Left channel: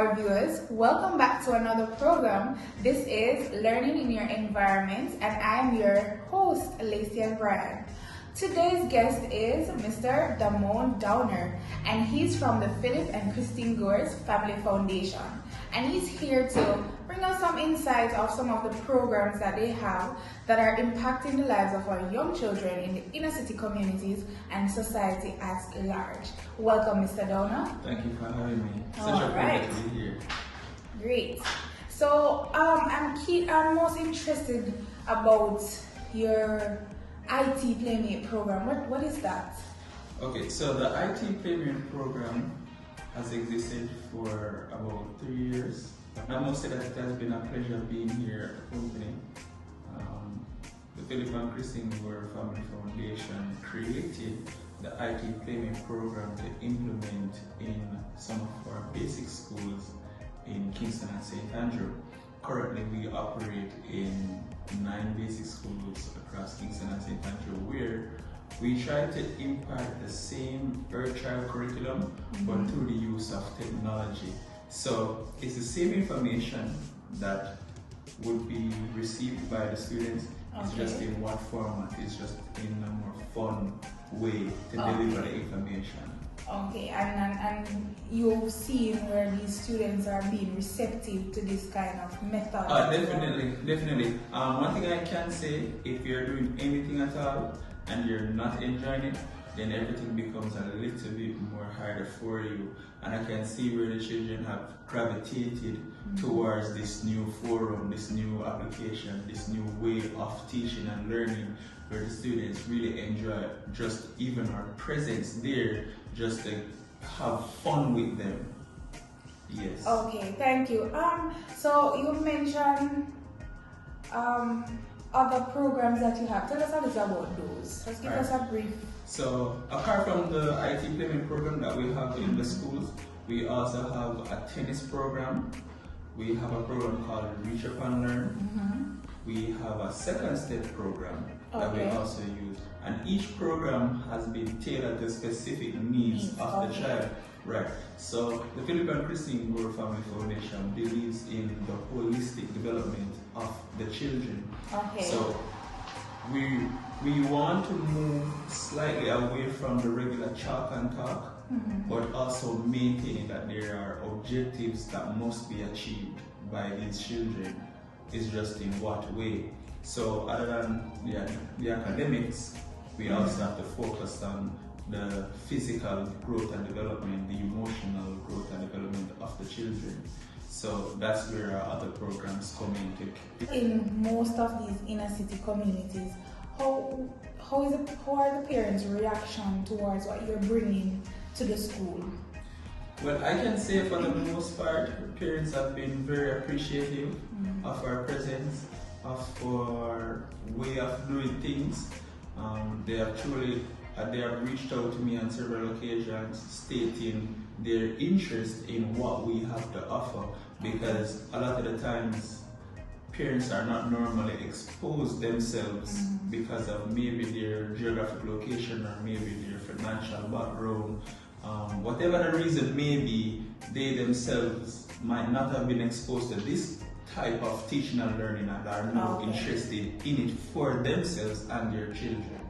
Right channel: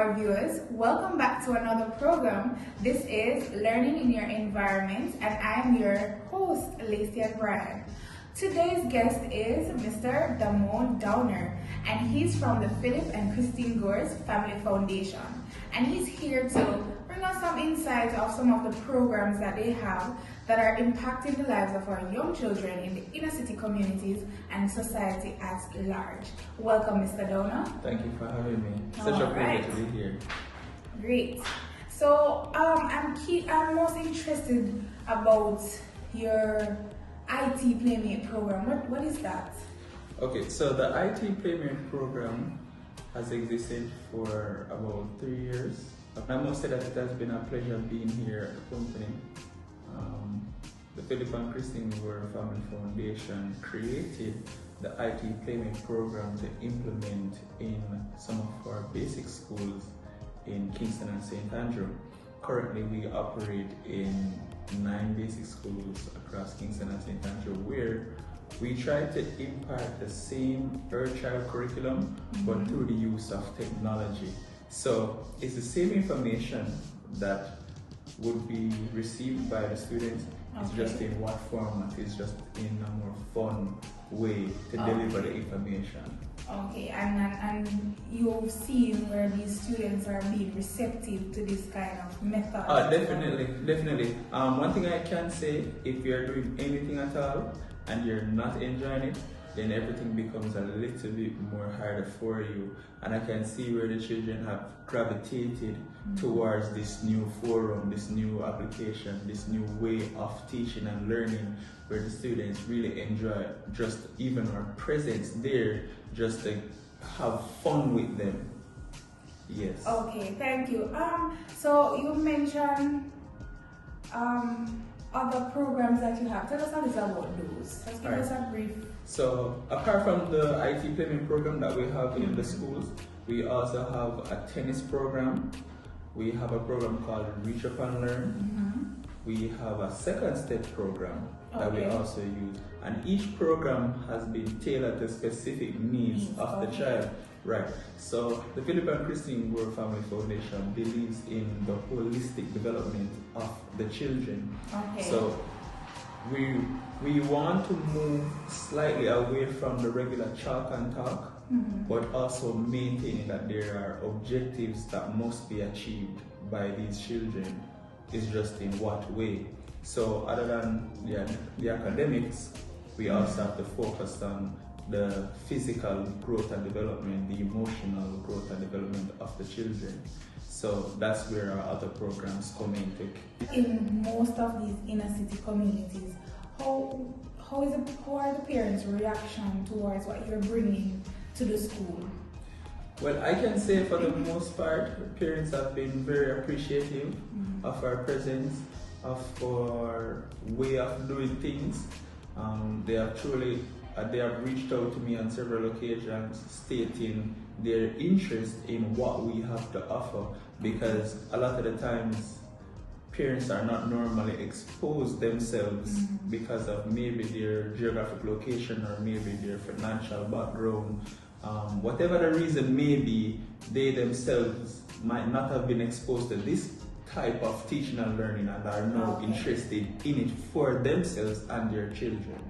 our viewers. Welcome back to another program. This is Learning in Your Environment, and I'm your host, Alicia Bryan. Today's guest is Mr. Damone Downer, and he's from the Philip and Christine Gores Family Foundation. And he's here to bring us some insight of some of the programs that they have that are impacting the lives of our young children in the inner city communities and society at large. Welcome, Mr. Downer. Thank you for having me. Such a pleasure to be here. Great. So I'm most interested about your IT Playmate program. What is that? Okay, so the IT Playmate program has existed for about 3 years. I must say that it has been a pleasure being here at the company. The Philip and Christine Gores Family Foundation created the IT Playmate program to implement in some of our basic schools in Kingston and St. Andrew. Currently, we operate in 9 basic schools across Kingston and St. Andrew, where we try to impact the same early child curriculum, but through the use of technology. So it's the same information that would be received by the students. It's just in what format. It's just in a more fun way to deliver the information. Okay, and you've seen where these students are being receptive to this kind of method? Definitely. One thing I can say, if you're doing anything at all and you're not enjoying it, then everything becomes a little bit more harder for you. And I can see where the children have gravitated towards this new forum, this new application, this new way of teaching and learning, where the students really enjoy just even our presence there, just to have fun with them. Yes. Okay, thank you. So you mentioned other programs that you have. Tell us a little about those. Just give us a brief. So apart from the IT Playmate program that we have in the schools, we also have a tennis program. We have a program called Reach Up and Learn. We have a second step program that we also use. And each program has been tailored to specific needs of the child. Right. So the Philip and Christine Gores Family Foundation believes in the holistic development of the children. Okay. So we want to move slightly away from the regular chalk and talk, but also maintaining that there are objectives that must be achieved by these children. Is just in what way. So other than the academics, we also have to focus on the physical growth and development, the emotional growth and development of the children. So that's where our other programs come into. In most of these inner city communities, how are the parents' reaction towards what you're bringing to the school? Well, I can say for the most part, parents have been very appreciative of our presence, of our way of doing things. They have reached out to me on several occasions stating their interest in what we have to offer, because a lot of the times parents are not normally exposed themselves because of maybe their geographic location or maybe their financial background. Whatever the reason may be, they themselves might not have been exposed to this type of teaching and learning and are now interested in it for themselves and their children.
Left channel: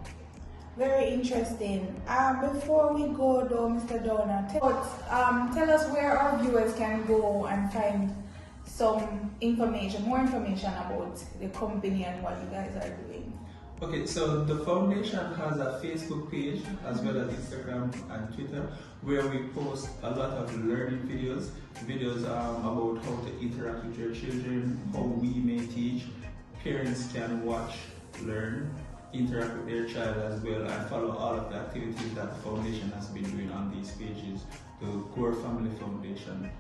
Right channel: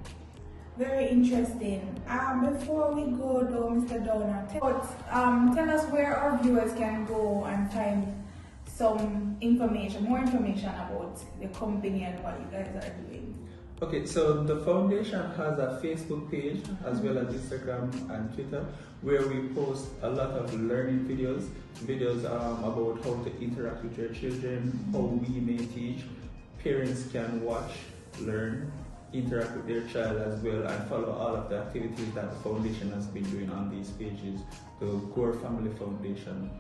Very interesting. Before we go though, Mr. Downer, tell us where our viewers can go and find some information, more information about the company and what you guys are doing. Okay, so the foundation has a Facebook page as well as Instagram and Twitter, where we post a lot of learning videos about how to interact with your children, how we may teach. Parents can watch, learn, interact with their child as well, and follow all of the activities that the foundation has been doing on these pages, the Gores Family Foundation.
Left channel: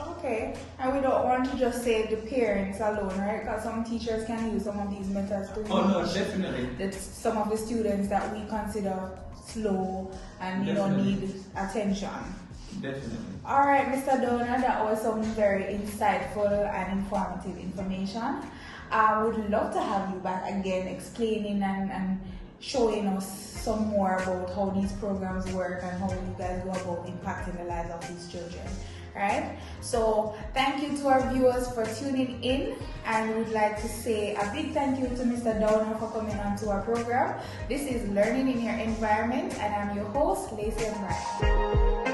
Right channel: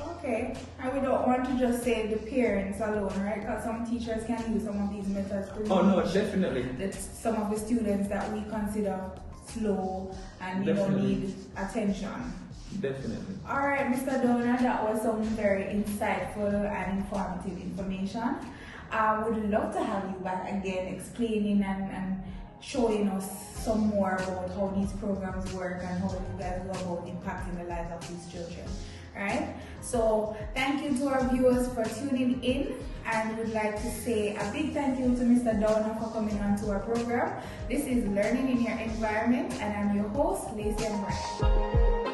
Okay, and we don't want to just say the parents alone, right? Because some teachers can use some of these methods to definitely. Some of the students that we consider slow and need attention. Definitely. All right, Mr. Downer, that was some very insightful and informative information. I would love to have you back again explaining and showing us some more about how these programs work and how you guys go about impacting the lives of these children. right? So thank you to our viewers for tuning in, and we would like to say a big thank you to Mr. Downer for coming on to our program. This is Learning in Your Environment, and I'm your host, Lacey Ann.